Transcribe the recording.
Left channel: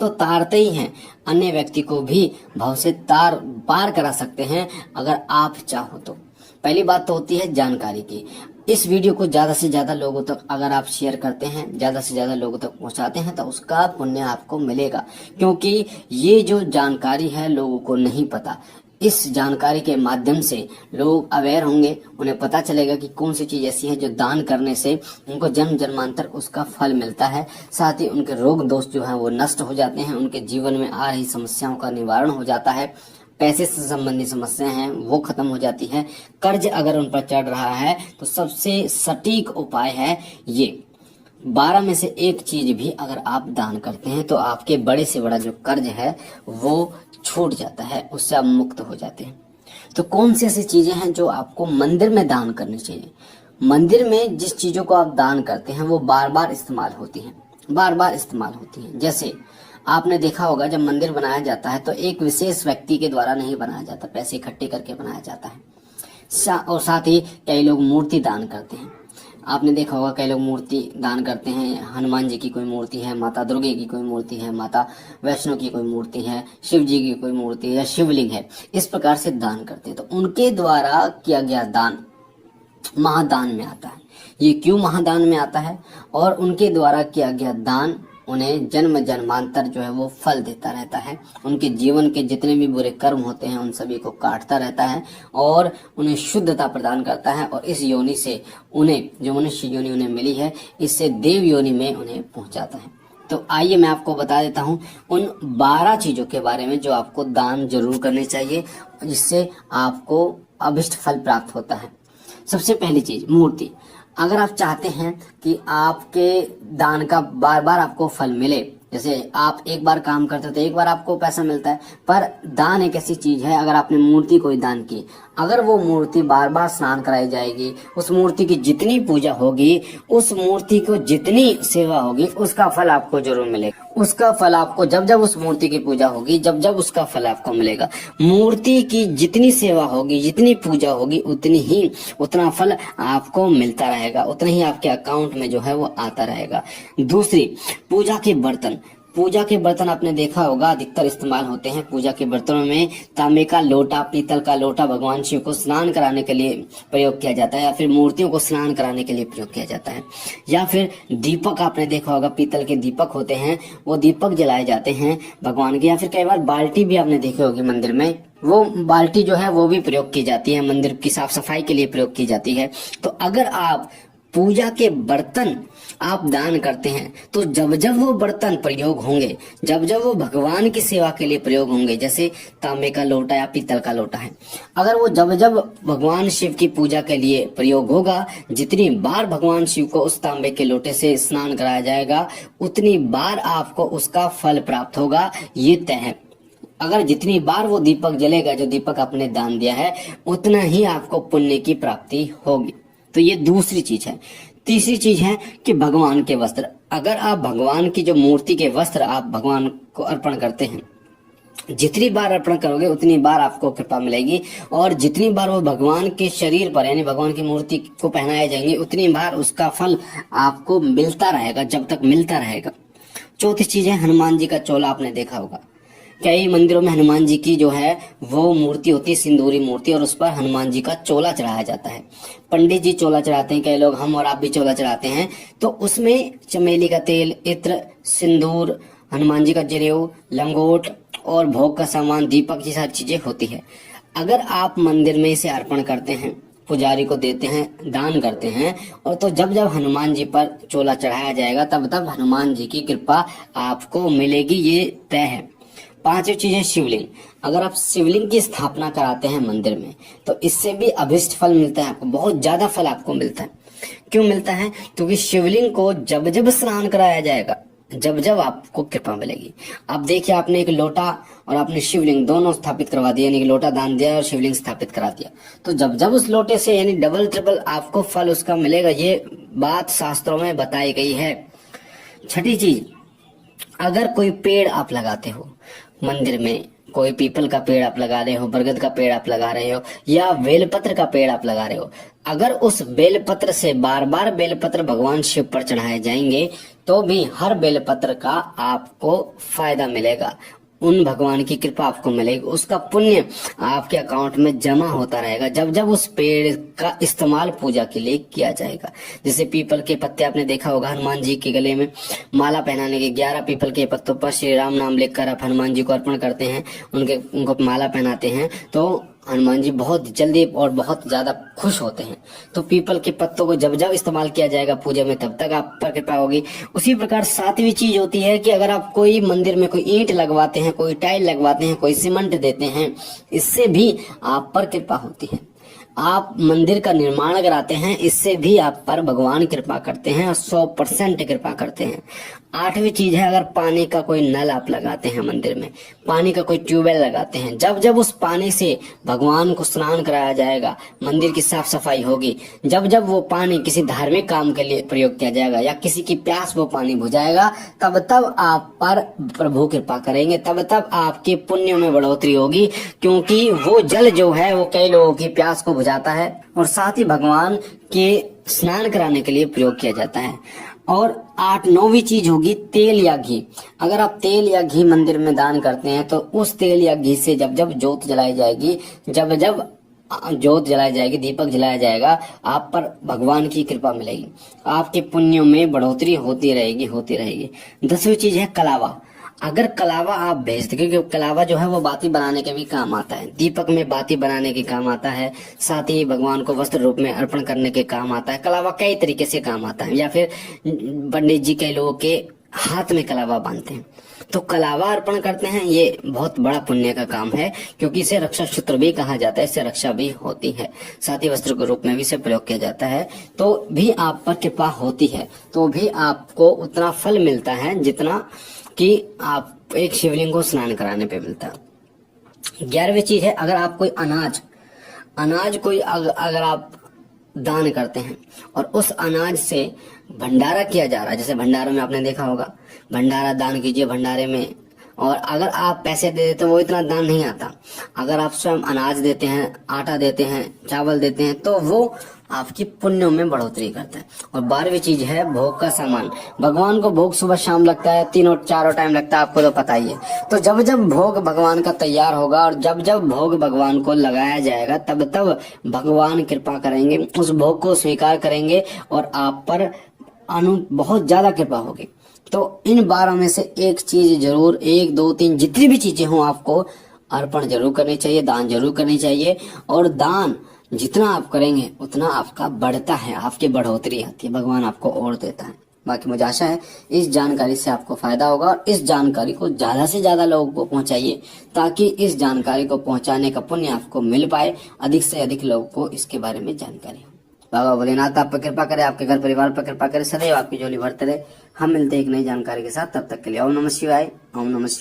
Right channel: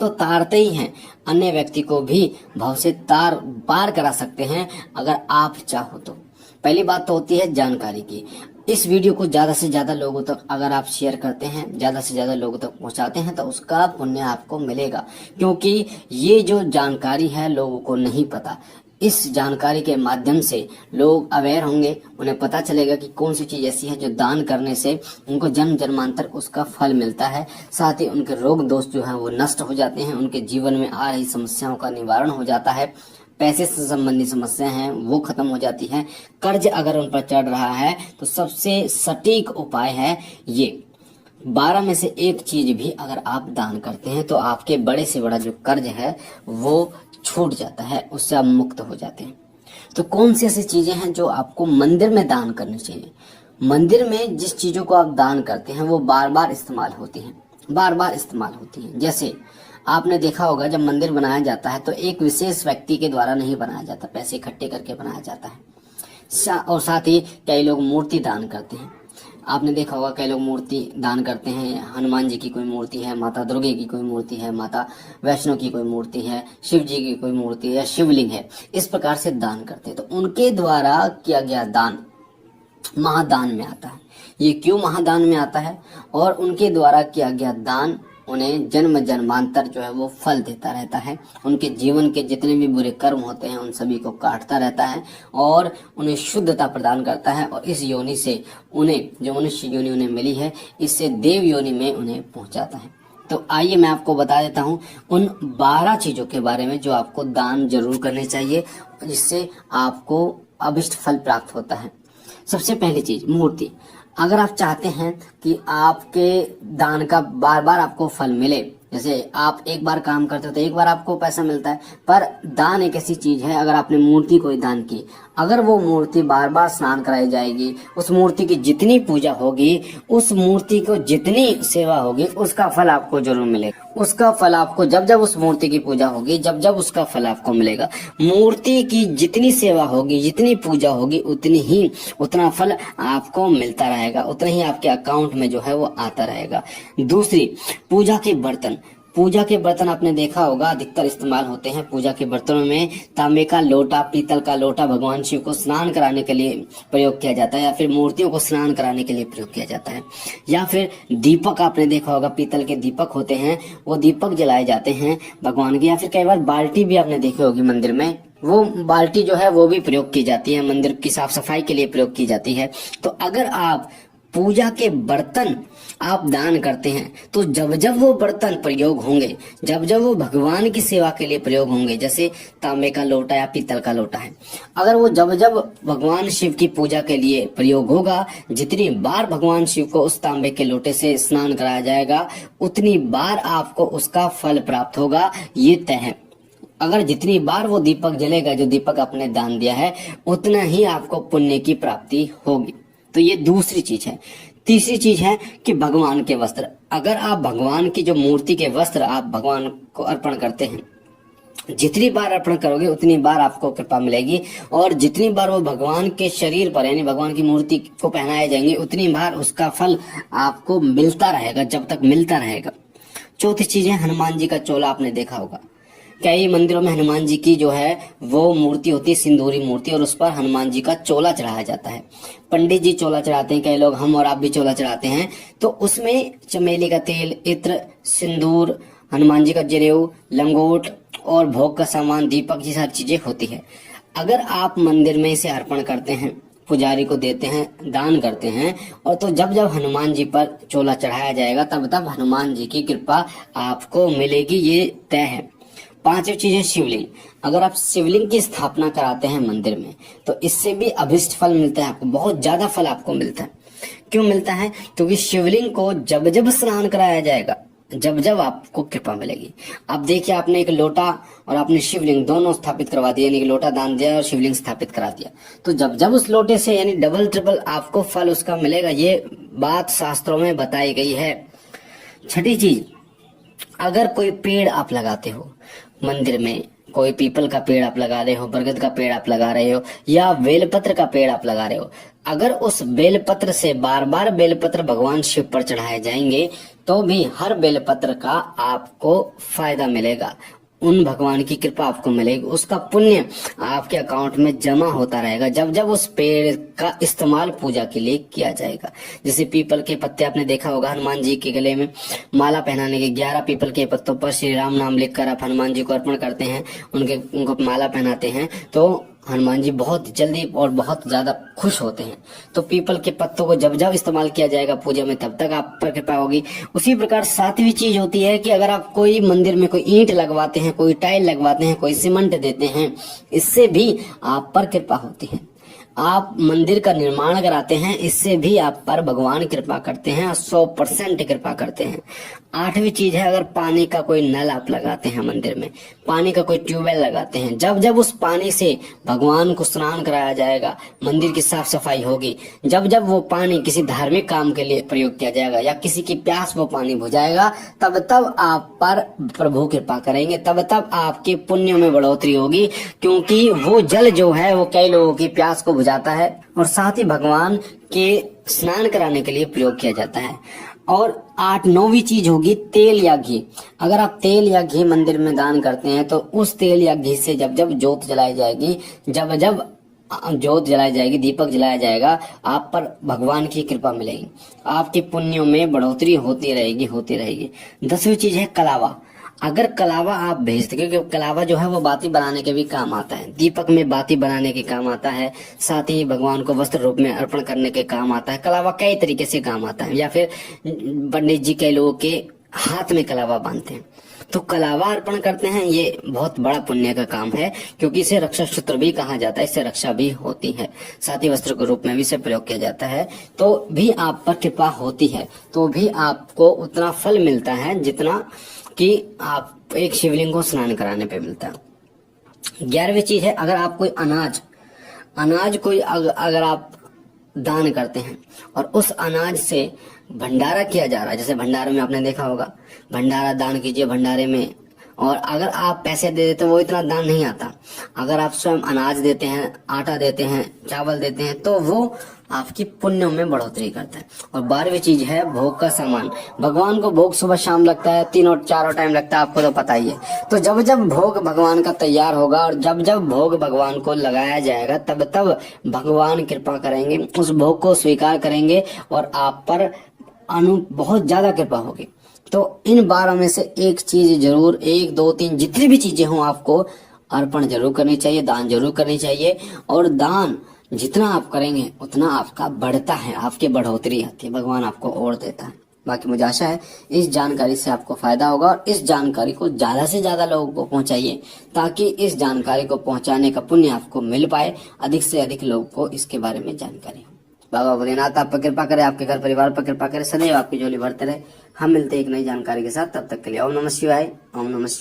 तो तारते ही हैं, अन्य व्यक्ति को भी भव से तार पार करा सकते हैं अगर आप चाहो तो। पहली बात तो होती है जानकारी की। इस वीडियो को ज्यादा से ज्यादा लोगों तक अगर आप शेयर करते हैं, ज्यादा से ज्यादा लोगों तक पहुंचाते हैं, तो उसका पुण्य आपको मिलेगा, क्योंकि ये जो जानकारी है लोगों को नहीं पता। इस जानकारी के माध्यम से लोग अवेयर होंगे, उन्हें पता चलेगा कि कौन सी चीज ऐसी है जो दान करने से उनको जन्म जन्मांतर उसका फल मिलता है। साथ ही उनके रोग दोष जो है वो नष्ट हो जाते हैं, उनके जीवन में आ रही समस्याओं का निवारण हो जाता है, पैसे से संबंधित समस्याएं हैं वो खत्म हो जाती है, कर्ज अगर उन पर चढ़ रहा है तो सबसे सटीक उपाय है ये। 12 में से एक चीज भी अगर आप दान करते हैं तो आपके बड़े से बड़ा जो कर्ज है वो छूट जाता है, उससे आप मुक्त हो जाते हैं। तो कौन सी ऐसी चीजें हैं जो आपको मंदिर में दान करनी चाहिए? मंदिर में जिस चीजों को आप दान करते हैं वो बार बार इस्तेमाल होती हैं, बार बार इस्तेमाल होती हैं। जैसे आपने देखा होगा जब मंदिर बनाया जाता है तो एक विशेष व्यक्ति के द्वारा नहीं बनाया जाता, पैसे इकट्ठे करके बनाया जाता है। और साथ ही कई लोग मूर्ति दान करते हैं। आपने देखा होगा कई लोग मूर्ति दान करते हैं, हनुमान जी की कोई मूर्ति है, माता दुर्गे की कोई मूर्ति है, माता वैष्णो की कोई मूर्ति है, शिव जी की कोई मूर्ति है या शिवलिंग है, इस प्रकार से दान करते हैं। तो उनके द्वारा किया गया दान महादान में आता है। ये क्यों महादान में आता है? और उनके द्वारा किया गया दान उन्हें जन्म जन्मांतर जो है वो फल देता रहता है, उनके जीवन के जितने भी बुरे कर्म होते हैं उन सभी को काटता रहता है और उन्हें शुद्धता प्रदान करता है। और इस योनि से उन्हें, जो मनुष्य योनि उन्हें मिली है, इससे देव योनि में उन्हें पहुंचाता है। तो आइए मैं आपको बता देता हूं उन 12 चीजों के बारे में जो आपको दान जरूर करने चाहिए, जिससे आपको अभिष्ट फल प्राप्त होता है। सबसे पहली चीज मूर्ति। अगर आप चाहते हैं कि आपके दान का बार बार आपको फल मिले, जैसे आप एक बार काम करते हो तो एक बार आपको पैसा मिलता है, पर दान एक ऐसी चीज है, अगर आपने मूर्ति कोई दान की, अगर वो मूर्ति बार बार स्नान कराई जाएगी, उस मूर्ति की जितनी पूजा होगी, उस मूर्ति को जितनी सेवा होगी, उसका फल आपको जरूर मिलेगा। उसका फल आपको जब जब उस मूर्ति की पूजा होगी, जब जब उसका फल आपको मिलेगा। मूर्ति की जितनी सेवा होगी, जितनी पूजा होगी, उतना फल आपको मिलता रहेगा, उतना ही आपके अकाउंट में जो है वो आता रहेगा। दूसरी, पूजा के बर्तन। पूजा के बर्तन आपने देखा होगा अधिकतर इस्तेमाल होते हैं। पूजा के बर्तनों में तांबे का लोटा, पीतल का लोटा भगवान शिव को स्नान कराने के लिए प्रयोग किया जाता है, या फिर मूर्तियों को स्नान कराने के लिए प्रयोग किया जाता है। या फिर दीपक आपने देखा होगा, पीतल के दीपक होते हैं, वो दीपक जलाए जाते हैं भगवान के। या फिर कई बार बाल्टी भी आपने देखी होगी मंदिर में, वो बाल्टी जो है वो भी प्रयोग की जाती है, मंदिर की साफ सफाई के लिए प्रयोग की जाती है। तो अगर आप पूजा के बर्तन आप दान करते हैं तो जब जब वो बर्तन प्रयोग होंगे, जब जब वो भगवान की सेवा के लिए प्रयोग होंगे, जैसे तांबे का लोटा या पीतल का लोटा है, अगर वो जब जब भगवान शिव की पूजा के लिए प्रयोग होगा, जितनी बार भगवान शिव को उस तांबे के लोटे से स्नान कराया जाएगा, उतनी बार आपको उसका फल प्राप्त होगा, ये तय है। अगर जितनी बार वो दीपक जलेगा, जो दीपक आपने दान दिया है, उतना ही आपको पुण्य की प्राप्ति होगी। तो ये दूसरी चीज है। तीसरी चीज है कि भगवान के वस्त्र। अगर आप भगवान की जो मूर्ति के वस्त्र आप भगवान को अर्पण करते हैं, जितनी बार अर्पण करोगे उतनी बार आपको कृपा मिलेगी, और जितनी बार वो भगवान के शरीर पर यानी भगवान की मूर्ति को पहनाए जाएंगे, उतनी बार उसका फल आपको मिलता रहेगा, जब तक मिलता रहेगा। चौथी चीज है हनुमान जी का चोला। आपने देखा होगा कई मंदिरों में हनुमान जी की जो है वो मूर्ति होती है, सिंदूरी मूर्ति, और उस पर हनुमान जी का चोला चढ़ाया जाता है। पंडित जी चोला चढ़ाते हैं, कई लोग, हम और आप भी चोला चढ़ाते हैं। तो उसमें चमेली का तेल, इत्र, सिंदूर, हनुमान जी का जनेऊ, लंगोट और भोग का सामान, दीपक, ये सारी चीजें होती है। अगर आप मंदिर में इसे अर्पण करते हैं, पुजारी को देते हैं, दान करते हैं, और तो जब जब हनुमान जी पर चोला चढ़ाया जाएगा तब तब हनुमान जी की कृपा आपको मिलेगी, ये तय है। पांचवी चीज है शिवलिंग। अगर आप शिवलिंग की स्थापना कराते हैं मंदिर में तो इससे भी अभिष्ट फल मिलता है आपको, बहुत ज्यादा फल आपको मिलता है। क्यों मिलता है? क्योंकि शिवलिंग को जब जब स्नान कराया जाएगा, जब जब आपको कृपा मिलेगी। अब देखिए, आपने एक लोटा और आपने शिवलिंग दोनों स्थापित करवा दिया, यानी कि लोटा दान दिया और शिवलिंग स्थापित करा दिया, तो जब जब उस लोटे से यानी डबल ट्रिपल आपको फल उसका मिलेगा, ये बात शास्त्रों में बताई गई है। छठी चीज, अगर कोई पेड़ आप लगाते हो मंदिर में, कोई पीपल का पेड़ आप लगा रहे हो, बरगद का पेड़ आप लगा रहे हो, या बेलपत्र का पेड़ आप लगा रहे हो, अगर उस बेलपत्र से बार बार बेलपत्र भगवान शिव पर चढ़ाए जाएंगे तो भी हर बेलपत्र का आपको फायदा मिलेगा, उन भगवान की कृपा आपको मिलेगी, उसका पुण्य आपके अकाउंट में जमा होता रहेगा जब जब उस पेड़ का इस्तेमाल पूजा के लिए किया जाएगा। जैसे पीपल के पत्ते आपने देखा होगा, हनुमान जी के गले में माला पहनाने के 11 पीपल के पत्तों पर श्री राम नाम लिखकर आप हनुमान जी को अर्पण करते हैं, उनको माला पहनाते हैं, तो हनुमान जी बहुत जल्दी और बहुत ज्यादा खुश होते हैं। तो पीपल के पत्तों को जब जब इस्तेमाल किया जाएगा पूजा में, तब तक आप पर कृपा होगी। उसी प्रकार सातवीं चीज होती है कि अगर आप कोई मंदिर में कोई ईंट लगवाते हैं, कोई टाइल लगवाते हैं, कोई सीमेंट देते हैं, इससे भी आप पर कृपा होती है। आप मंदिर का निर्माण कराते हैं, इससे भी आप पर भगवान कृपा करते हैं, 100% कृपा करते हैं। आठवीं चीज है, अगर पानी का कोई नल आप लगाते हैं मंदिर में, पानी का कोई ट्यूबवेल लगाते हैं, जब जब उस पानी से भगवान को स्नान कराया जाएगा, मंदिर की साफ सफाई होगी, जब जब वो पानी किसी धार्मिक काम के लिए प्रयोग किया जाएगा या किसी की प्यास वो पानी बुझाएगा, तब तब आप पर प्रभु कृपा करेंगे, तब तब आपके पुण्य में बढ़ोतरी होगी, क्योंकि वो जल जो है वो कई लोगों की प्यास को बुझाता है और साथ ही भगवान के स्नान कराने के लिए प्रयोग किया जाता है। और 9वीं चीज होगी तेल या घी। अगर आप तेल या घी मंदिर में दान करते हैं, तो उस तेल या घी से जब जब जोत जलाई जाएगी, जब जब जोत जलाई जाएगी, दीपक जलाया जाएगा, आप पर भगवान की कृपा मिलेगी, आपके पुण्यों में बढ़ोतरी होती रहेगी, होती रहेगी। 10वीं चीज है कलावा। अगर कलावा आप भेजते, क्योंकि कलावा जो है वो बाती बनाने के भी काम आता है, दीपक में बाती बनाने के काम आता है, साथ ही भगवान को वस्त्र रूप में अर्पण करने के काम आता है। कलावा कई तरीके से काम आता है, या फिर पंडित जी कई लोगों के हाथ में कलावा बांधते हैं, तो कलावा अर्पण करते हैं। ये बहुत बड़ा पुण्य का काम है, क्योंकि इसे रक्षा सूत्र भी कहा जाता है, इससे रक्षा भी होती है, साथ ही वस्त्र के रूप में भी इसे प्रयोग किया जाता है। तो भी आप पर कृपा होती है, तो भी आपको उतना फल मिलता है जितना कि आप एक शिवलिंग को स्नान कराने पे मिलता है। 11वीं चीज है, अगर आप कोई अनाज कोई अगर आप दान करते हैं और उस अनाज से भंडारा किया जा रहा है, जैसे भंडारे में आपने देखा होगा, भंडारा दान कीजिए भंडारे में, और अगर आप पैसे दे देते हैं वो इतना दान नहीं आता। अगर आप स्वयं अनाज देते हैं, आटा देते हैं, चावल देते हैं, तो वो आपकी पुण्यों में बढ़ोतरी करता है। और 12वीं चीज है भोग का सामान। भगवान को भोग सुबह शाम लगता है, 3 और 4 टाइम लगता है, आपको तो पता ही है। तो जब जब भोग भगवान का तैयार होगा और जब जब भोग भगवान को लगाया जाएगा, तब तब भगवान कृपा करेंगे, उस भोग को स्वीकार करेंगे और आप पर बहुत ज्यादा कृपा होगी। तो इन 12 में से एक चीज जरूर, 1 2 3 जितनी भी चीजें हों, आपको अर्पण जरूर करनी चाहिए, दान जरूर करनी चाहिए। और दान जितना आप करेंगे उतना आपका बढ़ता है, आपकी बढ़ोतरी आती है, भगवान आपको और देता है। बाकी मुझे आशा है इस जानकारी से आपको फायदा होगा, और इस जानकारी को ज्यादा से ज्यादा लोगों को पहुंचाइए, ताकि इस जानकारी को पहुंचाने का पुण्य आपको मिल पाए, अधिक से अधिक लोगों को इसके बारे में जानकारी। बाबा भोलेनाथ आप पर कृपा करे, आपके घर परिवार पर कृपा करे, सदैव आपकी झोली भरते रहे। हम मिलते हैं एक नई जानकारी के साथ, तब तक के लिए ओम नमः शिवाय, ओम नमः शिवाय।